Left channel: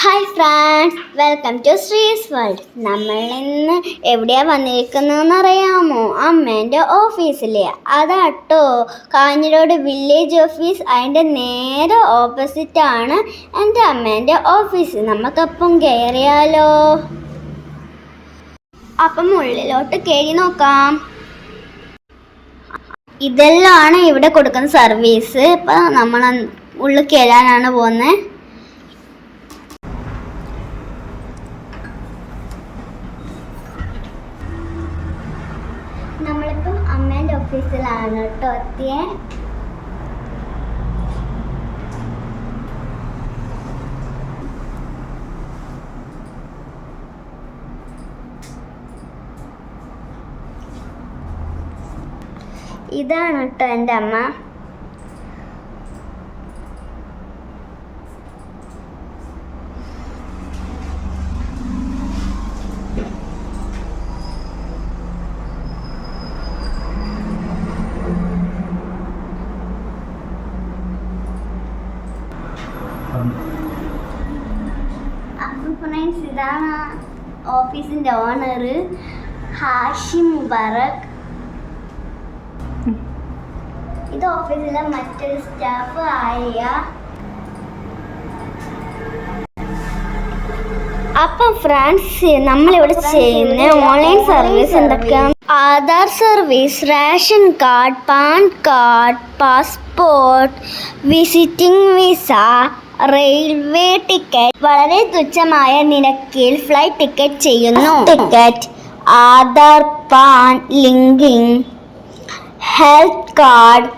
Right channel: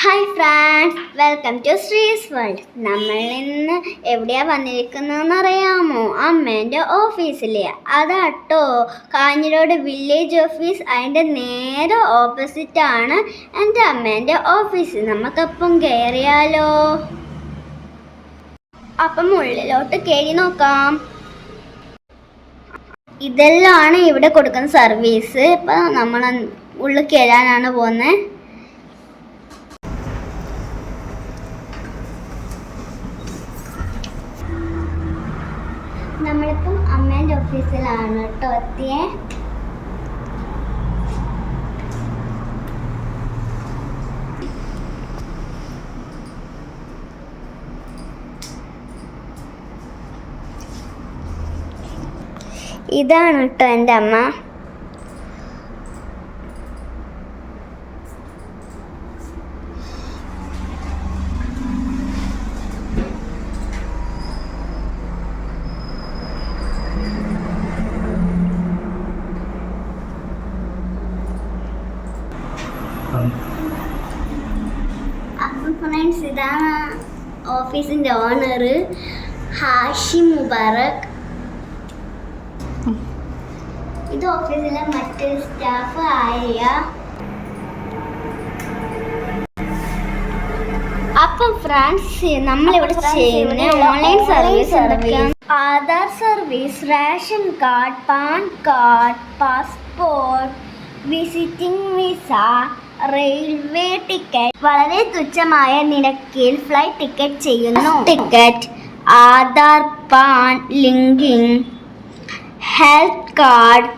Hi friends, welcome to Sree's world. നമ്മൾ ഇന്ന് എവിടെയാണ് വന്നിരിക്കുന്നതെന്ന് അറിയാമോ? അമ്മേൻ്റെ ഓഫീസിലെ അതാട്ടോ കാഞ്ഞിരോട് വില്ലേജ് ഓഫീസ്. അതിൻ്റെ നേരെ ഓപ്പോസിറ്റാണ് എൻ്റെ അമ്മേൻ്റെ ഓഫീസ്. നമുക്കപ്പം കയറിയാലോ? അപ്പം ഉള്ളിലോട്ട് കയറി നോക്കാം. ഇതെല്ലാമാണ് ഇവിടെ കൊടുക്കുന്ന സർവീസ്. ഇപ്പം നമ്മൾ ഉള്ളിൽ കയറാനാണ് പോകുന്നത്. നമ്മളിപ്പം അമ്മേൻ്റെ ഓഫീസിലാണ് കേട്ടോ എത്തിയേ. ഇതാണ് കേട്ടോ എൻ്റെ അമ്മ. അപ്പം ഫ്രണ്ട്സ്, ഇതാണ് ഓഫീസിൻ്റെ ഓണർ ഹാഷിം മുബാറക്. ഇത് ഓഫീസിലെ മറ്റൊരു സ്റ്റാഫ് ആയ. അപ്പം ഫ്രണ്ട്സ്, നമ്മളിവിടെ ചെയ്യുന്ന ഓൺലൈൻ സർവീസ് എന്തൊക്കെയാണ്? Aadhaar service, ration card, PAN card, passport, visiting visa, railway ticket. വളരെ തുച്ഛമായ നിരക്കിൽ ഫ്ലൈറ്റ് ടിക്കറ്റ് ചെയ്യുന്നു. Ticket, Aadhaar, PAN linking, health card,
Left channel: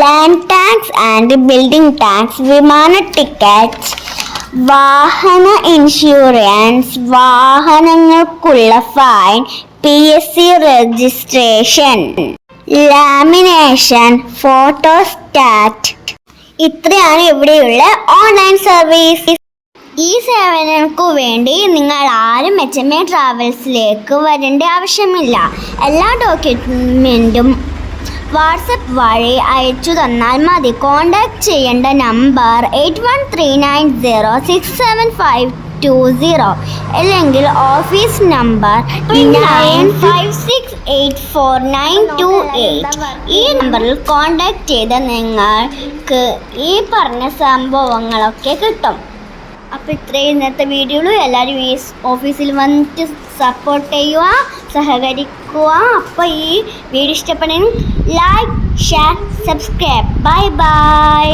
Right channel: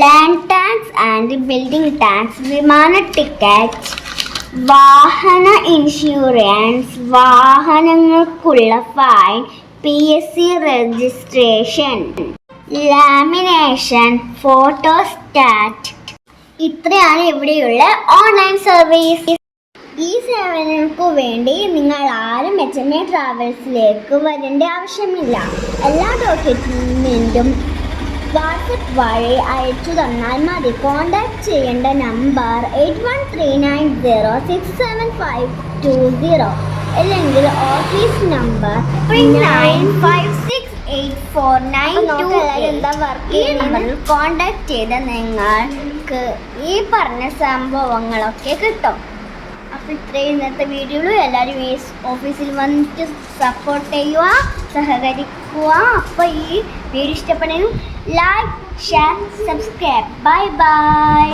land tax and building tax, വിമാന ടിക്കറ്റ്, വാഹന ഇൻഷുറൻസ്, വാഹനങ്ങൾക്കുള്ള fine, PSC registration, lamination, photostat. ഇത്രയാണ് ഇവിടെയുള്ള ഓൺലൈൻ സർവീസ്. ഈ സേവനങ്ങൾക്ക് വേണ്ടി നിങ്ങൾ ആരും HMA ട്രാവൽസിലേക്ക് വരേണ്ട ആവശ്യമില്ല. എല്ലാ ഡോക്യുമെൻറ്റും വാട്സപ്പ് വഴി അയച്ചു തന്നാൽ മതി. കോൺടാക്ട് ചെയ്യേണ്ട നമ്പർ 8139067520 അല്ലെങ്കിൽ ഓഫീസ് നമ്പർ 95684928. ഈ നമ്പറിൽ കോൺടാക്ട് ചെയ്ത് നിങ്ങൾക്ക് ഈ പറഞ്ഞ സംഭവങ്ങളൊക്കെ കിട്ടും. അപ്പോൾ ഇത്രയും ഇന്നത്തെ വീഡിയോയിൽ എല്ലാവരും ഈ ഓഫീസിൽ വന്നിട്ട് സപ്പോർട്ട് ചെയ്യുക, സഹകരിക്കുക. അപ്പോൾ ഈ വീഡിയോ ഇഷ്ടപ്പെടുമെങ്കിൽ like, share, subscribe. Bye bye.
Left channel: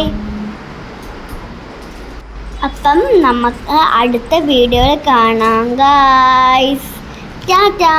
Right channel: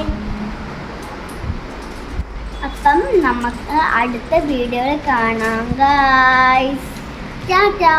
അപ്പം നമുക്ക് അടുത്ത വീഡിയോയിൽ കാണാം ഗൈസ്. ടാറ്റാ.